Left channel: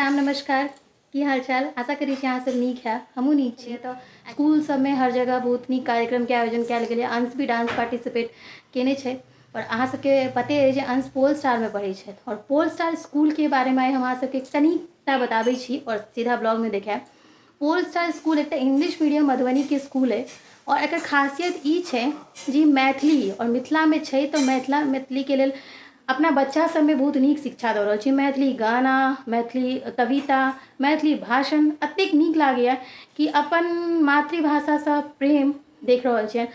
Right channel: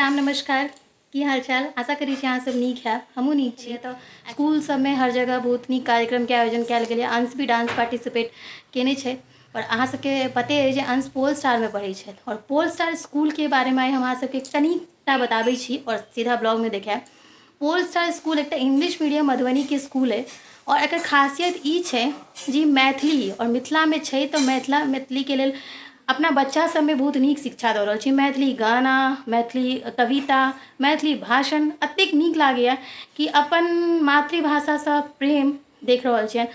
प्रणाम नमस्कार। की हाल चाल? आशा करी छी अहाँ सब नीक है। हमहूँ नीक छी। तो स्कूल सब में हर जगह बहुत नीक कार्यक्रम के आयोजन कयल गेलै। अंश भी डांस पार्टिसिपेट केने छै और अहाँ सबके पते अइ जे अंश पोल स्टार में पढ़ै छथि और पोल स्टार स्कूल के बारे में हम अहाँ सबके कनिटा बताबै छी और सीधा ब्लॉग में देखायब। पोल स्टार स्कूल एक इंग्लिश मीडियम मधुबनी के स्कूल है और एकर खासियत ई छै जे मैथिली और मिथिला में छै तो मैथिली के लेल अपना बच्चा सब में बहुत नीक शिक्षा दऽ रहल छी। मैथिली गाना, मैथिली कविता, मैथिली भाषण एतेक नीक लागैए कि अपन मातृभाषासँ प्रेम देख रहल छियनि।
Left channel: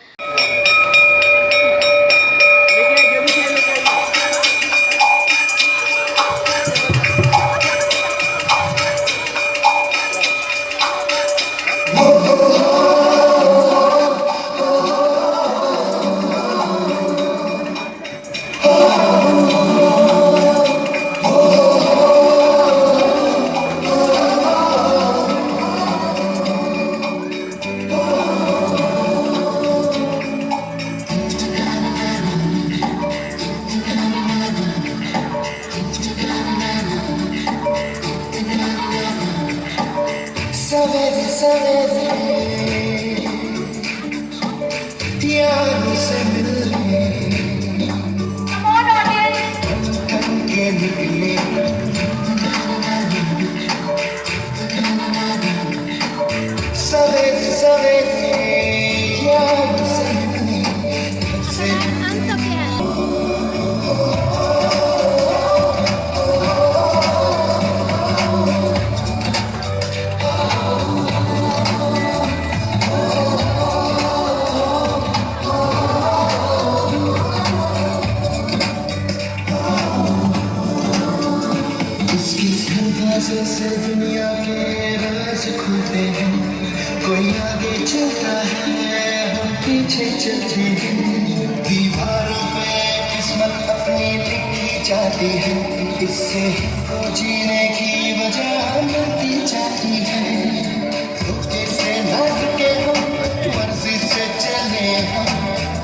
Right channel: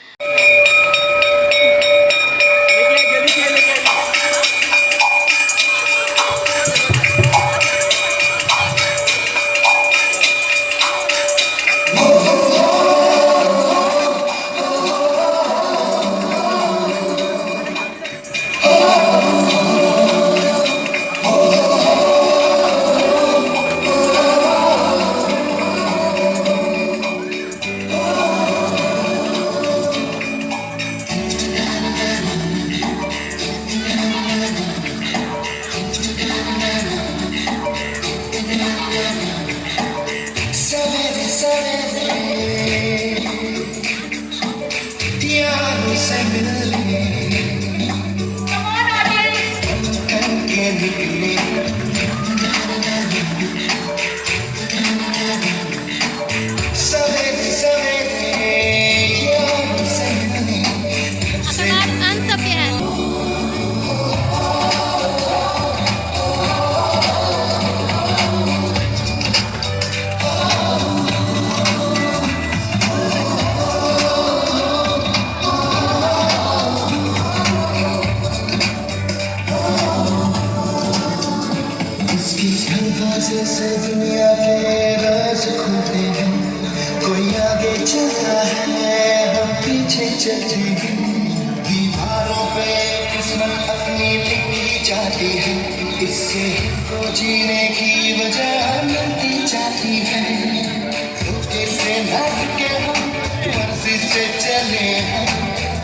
सवेरे सवेरे यारों से मिलने थक के निकले सवेरे सवेरे यारों से से दुनिया के राज खुलते हैं। कोई आगे चलता है, हम पीछे चलते हैं। दीवारों पे किस्मत अपनी लिखी जाती है, इससे तो जीने की वजह मिलती जाती है। धोखे से लग के हम मर्जी से चले हम,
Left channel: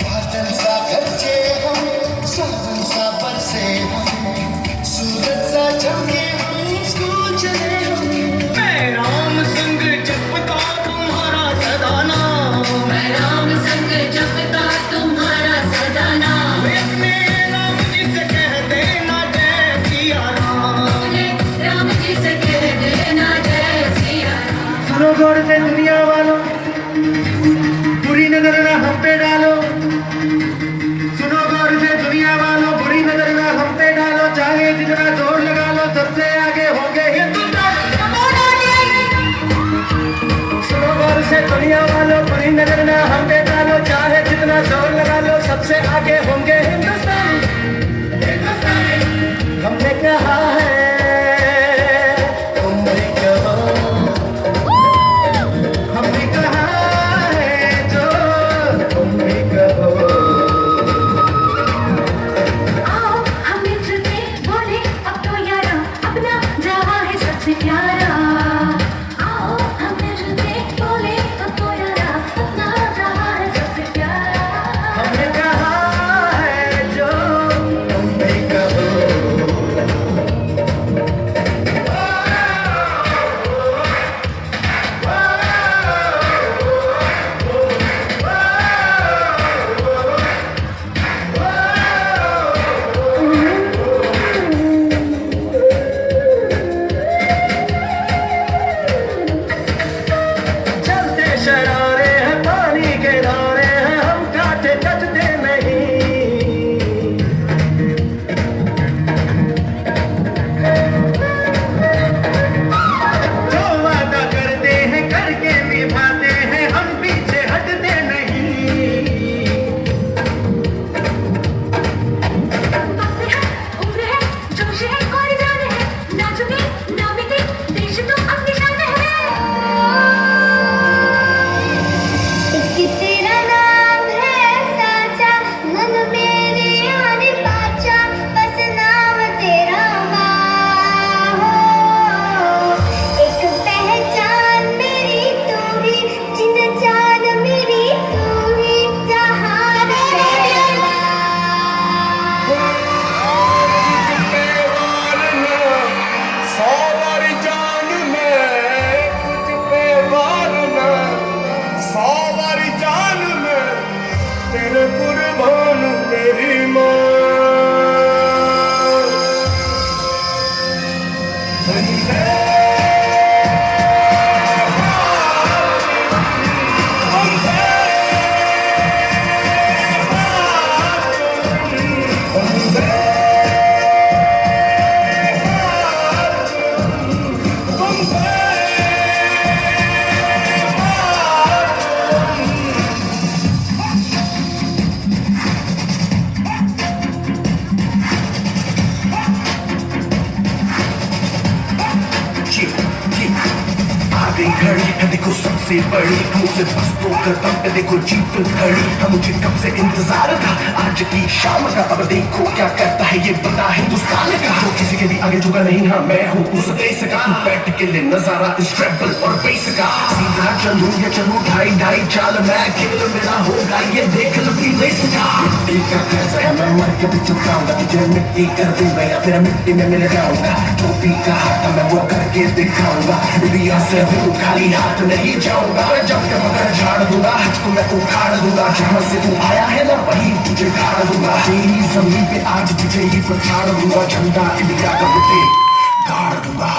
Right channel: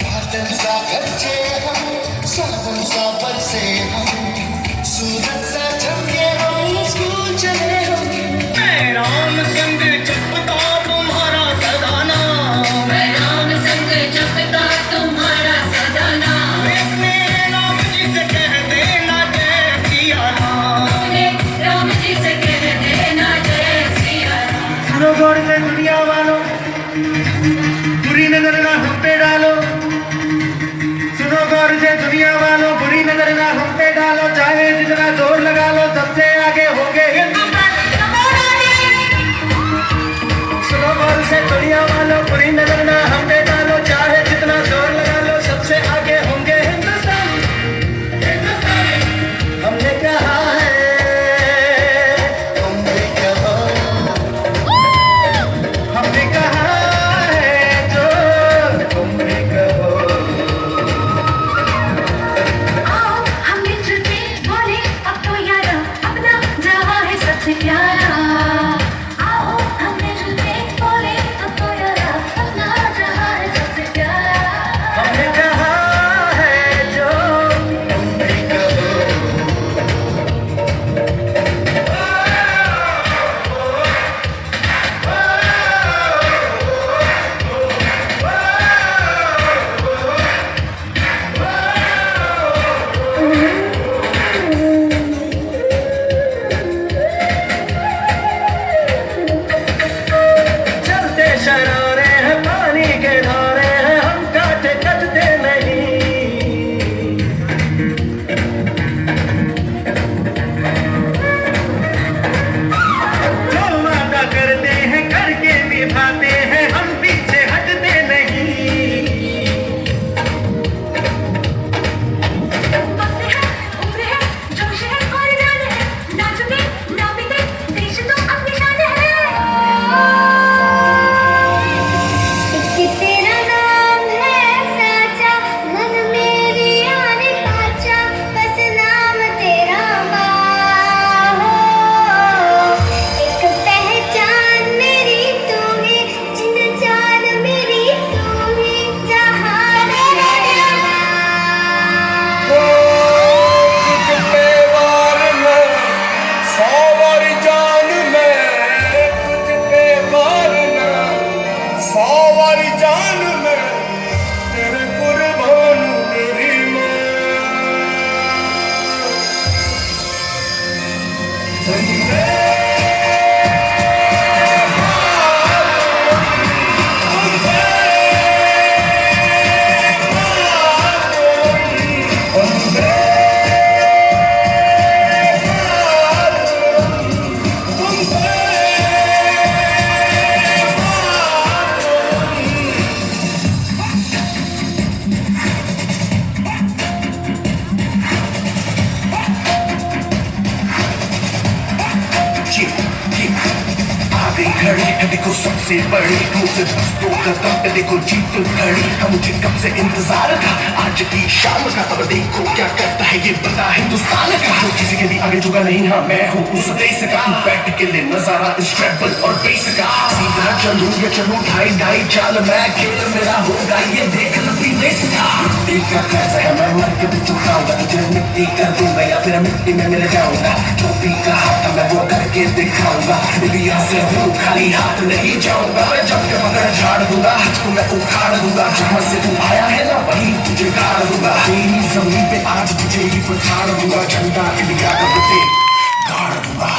बादल सा खर्चे हम, सावन सा बरसे हम, सूरज सा चमके गौर से दुनिया वालों, बुरी नजर ना हम पे डालो। सुनो गौर से दुनिया वालों, बुरी नजर ना हम पे डालो। चाहे जितना जोर लगा लो, सबसे आगे होंगे हिंदुस्तान। सुनो गौर से दुनिया वालों, बुरी नजर ना हम पे डालो। चाहे जितना जोर लगा लो, सबसे आगे होंगे हिंदुस्तान। हमने कहा है घड़ी है देखो सबसे बड़ी मुझसे बस दो कदम पे देखो जीत खड़ी है मुझे कब से इंतजार था आज की शाम का अब देखो क्या करता है ये बता हिंदुस्तान का जो किसी के भी आगे झुका नहीं हाँ मैं हूँ उस देश का बैठ के ले नजारा इस ट्रैवल और बेस का सीधा चलूं या चलूं ढाई ढाई चाल मैं खेल मेरा होगा ये देख लंबी रेस का मिट्टी का कैसा है मैं मर के भी चुकाऊंगा तुझे मिट्टी कर दूंगा या फिर मिट्टी में मिल जाऊंगा जो भी कहा था मैं वो करके दिखाऊंगा इंडिया से हूँ खाली हाथ नहीं जाऊंगा मैं जब के मगर झाड़ दूंगा तुझको मैं उखाड़ दूंगा जहाँ से तू आया है ना वहीं तुझे गाड़ दूंगा तेरी जमीन पे आज तुझे ही पछाड़ दूंगा झंडा इंडिया का पे गाड़ दूंगा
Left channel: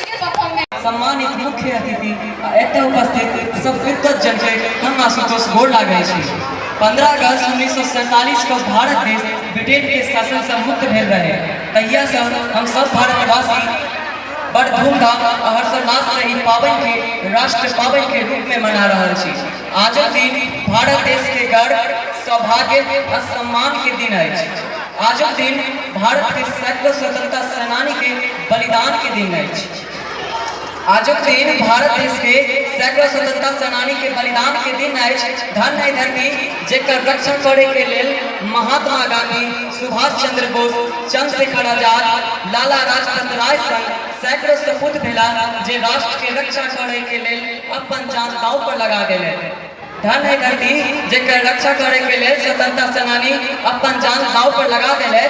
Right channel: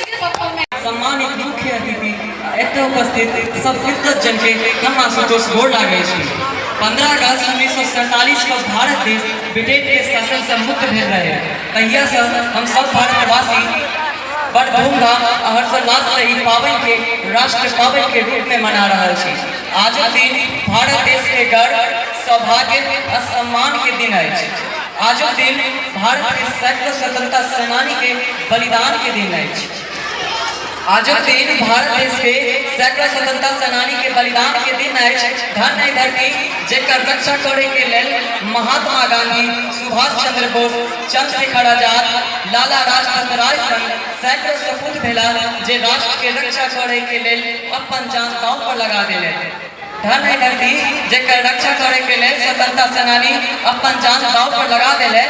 सम्मानित मुख्य अतिथि एतय उपस्थित सब विद्वत जन के हम आशुतोष गोड़ लागै छी 15 अगस्त 1947 को भारत देश ब्रिटेन के शासन से मुक्त भेल रहे तहिया से हम सब भारतवासी बड़ धूमधाम और हर्षोल्लास से ई पावन के राष्ट्र पावन के रूप में मना रहे छी आज दिन भारत देश के गर्व सौभाग्य और सम्मान के दिन है आज दिन भारत के सैकड़ों स्वतंत्रता सेनानी के बलिदान के दिन है आज दिन भारत देश के सैकड़ों स्वतंत्रता सेनानी के बलिदान के दिन है धन है धरती जेकर रक्षा करे के लेल महात्मा गांधी सुभाष चंद्र बोस चंद्रशेखर आजाद लाला लाजपत राय संग सैकड़ों सपूत भेला जे राष्ट्र के रक्षा करे के लेल अपन जान दांव पर लगा देले धन है धरती जेकर रक्षा करे के लेल स्वतंत्रता सेनानी अपन जान दांव पर लगा देले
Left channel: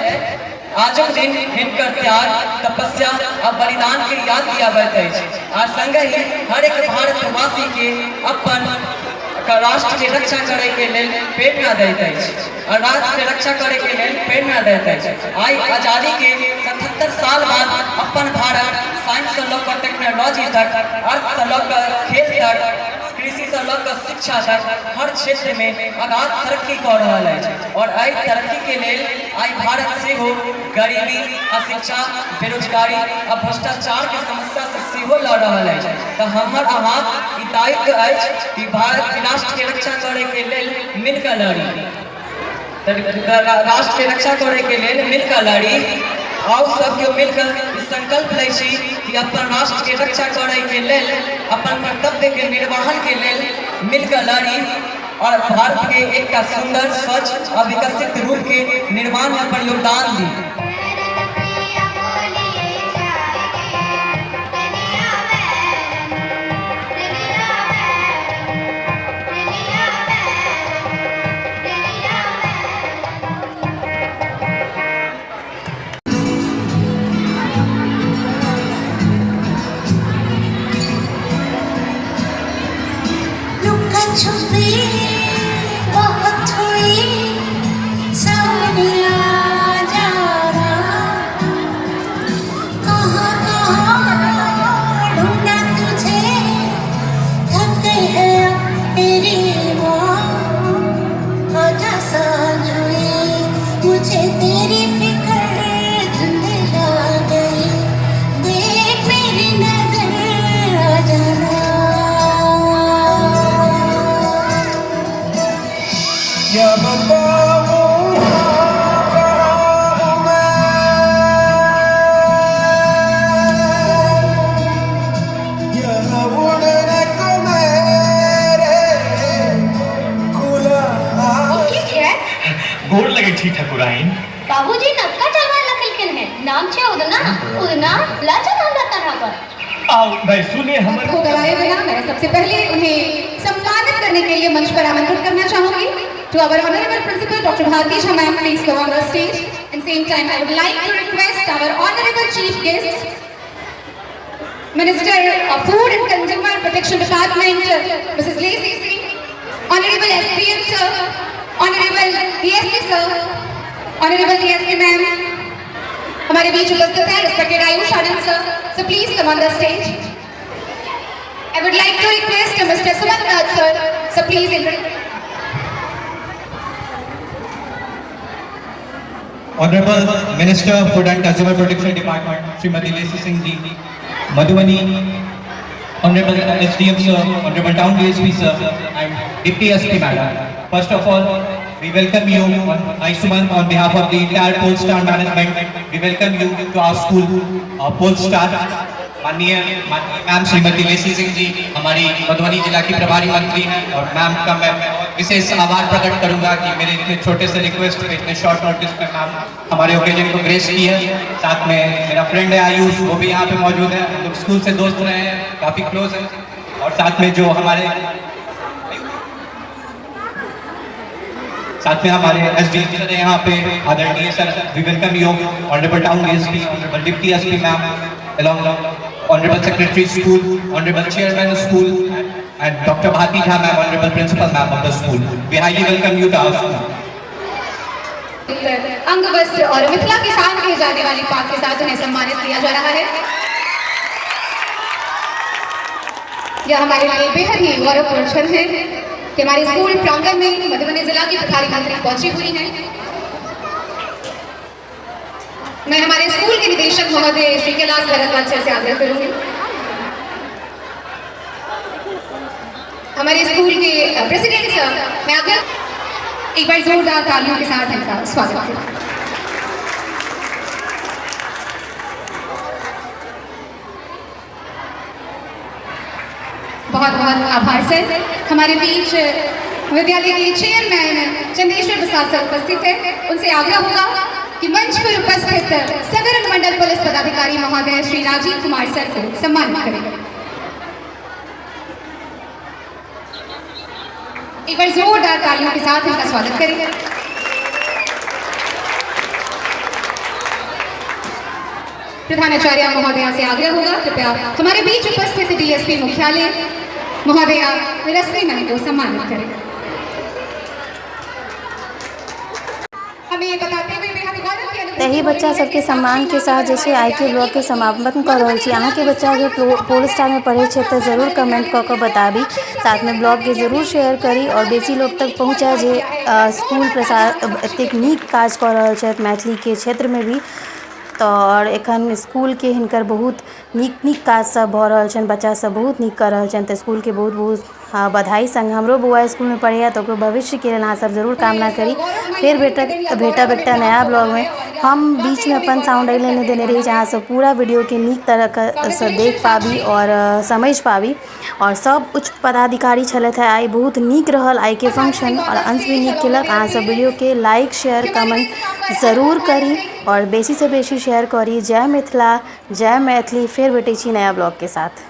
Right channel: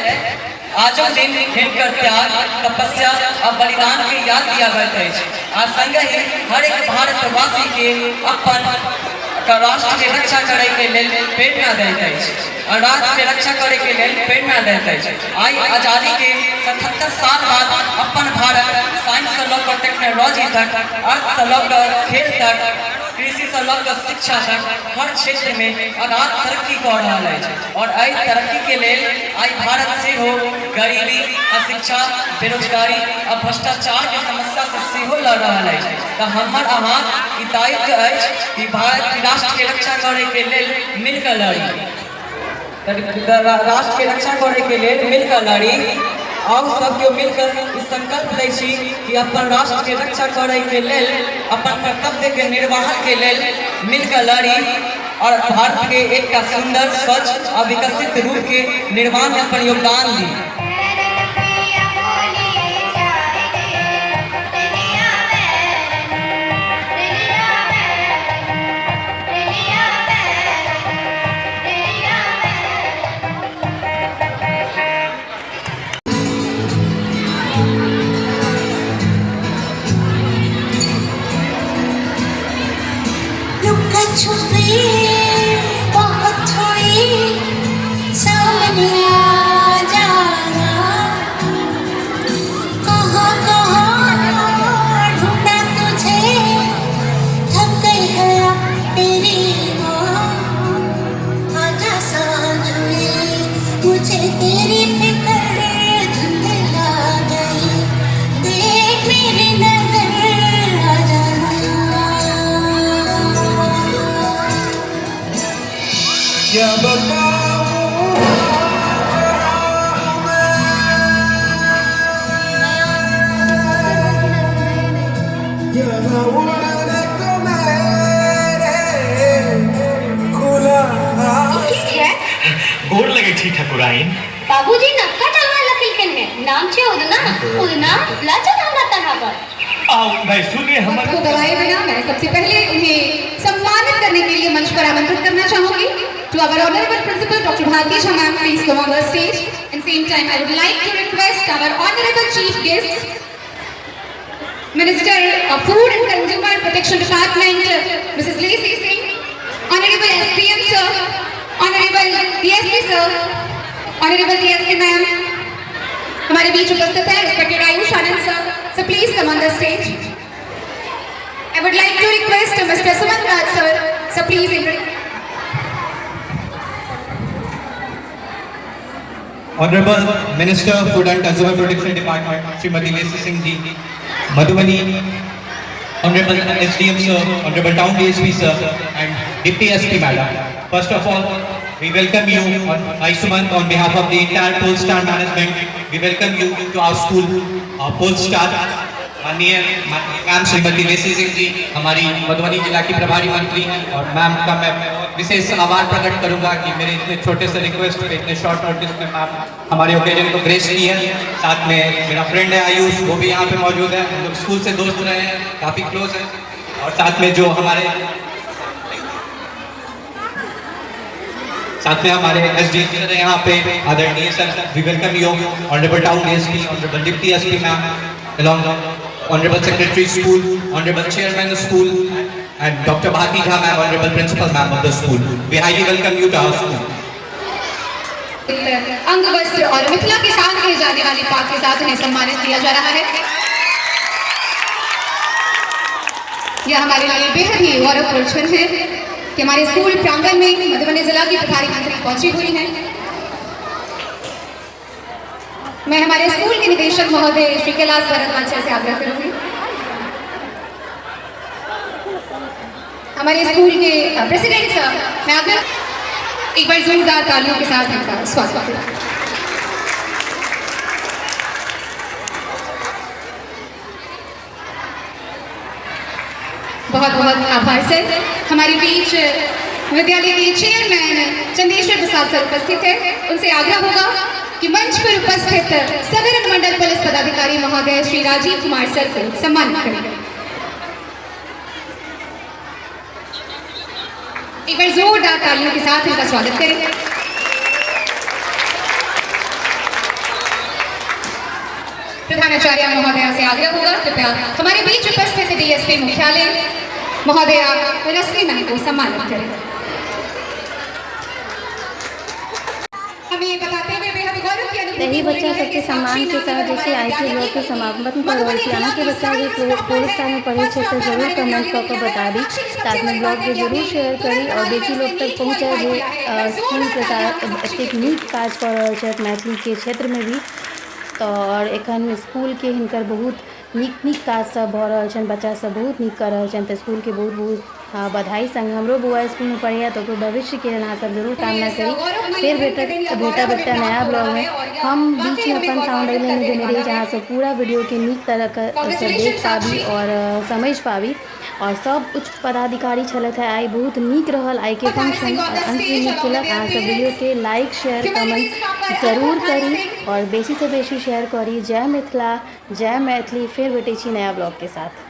आज दिन हिनकर त्याग तपस्या और बलिदान के याद दिया जाता है आज संग ही हर एक भारतवासी के अपन राष्ट्र के रक्षा करे के लेल प्रेरणा देता है और राष्ट्र के रक्षा करे के लेल प्रेरणा देता है आई आजादी के 77 साल बाद अपन भारत साइंस से लेकर टेक्नोलॉजी तक अर्थ से लेकर खेल तक कृषि से लेकर शिक्षा तक हर क्षेत्र में अगाध तरक्की कर रहा है और आई तरक्की के लिए आई भारत से हो गरीबी अशिक्षा बेरोजगारी और भ्रष्टाचार के समस्या से सेहो लड़ रहा है तो हमार आवाज ई दायित्व है कि भारत राष्ट्र के रक्षा करे के लेल मिलकर लड़ी राष्ट्र के रक्षा करे के लेल मिलकर लड़ी और सब केओ मिलकर इस संकल्प ले छी कि अपन राष्ट्र के रक्षा करे के लेल अपन कर्तव्य के निर्वहन के लेल मिलकर लड़ी और भारत के एक सुंदर स्वच्छ और विकसित रूप के निर्माण में अपन योगदान दी छुपी बहुत थोड़ी सामने आ जा छी ठकुराइन। बाबूजी नक्का चावल लखलकन है नाम छे उदना उदना लाचा हमरा तरह पर आओ बैसू ने हमर को गवाए बिना मैं सबसे पहले उन्हें सम्मानित करने के लिए मंच पर आमंत्रित करना चाहूंगी। To our honourable principal doctor Bharti Jha ma'am, please come on the stage. And same time I would like to request our honourable chief guest minister of food and consumer protection department Mrs Leshi Singh, honourable SPM sir, honourable DSP sir, honourable DSP ma'am हमारे बीच उपस्थित है, respected Ayush Anand sir, so please come on the stage. I would like to request Mr. Sumant Raj sir, so please Honorable Minister of Food and Consumer Protection Department, Srimati Lesi Singh ji, Madhubani, Honorable SDM sir, Honorable Town DSP sir, and Deputy SP madam. First of all, we welcome you on Aishuman on behalf of the entire Polestar management. We welcome you to our school, Polestar. माननीय ma'am Shrimati Lesi Singh ji हमारी मधुबनी जिला की प्रभारी मंत्री हैं, और ma'am का मैं विशेष आभार प्रकट करूंगा कि मेरे इतने छोटे से रिक्वेस्ट पे इतने शॉर्ट नोटिस पे मैम हमारे ओकेजन को ग्रेस की है। साथ में मेरा फ्रेंड है आयुष, वो भी यहाँ पे मौजूद है, हम लोग स्कूल से दोस्त रहे हैं, काफ़ी क्लोज हैं। और साथ में हमारे एसडी सर यहाँ पे आदरणीय sir, we welcome you honourable town DSP, honourable deputy SP ma'am, along honorable secretary school, honorable chairman school, and Dr. Bharti Jha ma'am, honorable principal ma'am of the school. We highly welcome you to our school. अंग वस्त्र और मिथिला के साथ किए जाने वाली पाक के साथ उन्हें सम्मानित किया जा रहा है। यह हमारे लिए बेहद ही गौरवपूर्ण क्षण है कि हमारे स्कूल प्रांगण में मधुबनी जिला की प्रभारी मंत्री पहुंची हुई हैं। मैं हमारे स्कूल के निदेशक महोदय श्री कैलाश भरत से आग्रह करूंगी, हमारे स्कूल के प्रेसिडेंट सर, मैं आग्रह एक बार जोरदार तालियों के साथ इनका स्वागत करूं। बहुत बहुत आभार सर। हमारे बीच विद्यालय के चेयरमैन चंदेश्वर प्रसाद सर उपस्थित है, उनसे आग्रह होगा कि मंच पर उपस्थित सदर अनुमंडल पुलिस पदाधिकारी महोदय श्री राजीव कुमार सर को सम्मानित करें। एक बार जोरदार तालियों के साथ इनका स्वागत करें। प्रधानाचार्य महोदया से आग्रह होगा कृपया हमारे बीच उपस्थित डीएसपी मुख्यालय महोदया रश्मि मैम को सम्मानित करें। हमें ये बताते हुए तही बच्चा सबके सम्मान के साथ जैसे IQ ब्लॉक के समापन कर रही थी। अहाँ के बच्चा अगर पोलस्टार में पढ़े तो जरूर कमेंट कऽ बताबी, साथ में ब्लॉग के जरूर शेयर करी और बेसी लोग तक पहुँचाए जे स्कूल प्रसार एतेक नीक काज कऽ रहल छथि मैथिली के क्षेत्र में भी। तो और एखन स्कूल के हिनकर बहुत नीक काज सब भऽ रहल छनि, बच्चा सब बहुत नीक कर रहल छनि, तो स्कूल के बहुत बहुत बधाई। संग हमरो बौआ स्कूल में पढ़े तो भविष्य के लिए अहाँ सब जरूर कामना करी। फिर भेटब एकटा नया ब्लॉग में। हम बीच में अपन साउंड अगले नहीं देने रही जहाँ सब पूरा वीडियो के नीक तरह से देख पाबी और समझ पाबी। और सब उच्च पदाधिकारी छलथि है, आई बहुत नीक रहल आई के फंक्शन और अंश भी नीक केलक। अहाँ सब वीडियो के लाइक शेयर कमेंट जरूर करी और बेसी से बेसी शेयर करी। जय मिथिला, जय मैथिली। फिर भेटै छी नया ब्लॉग के साथ।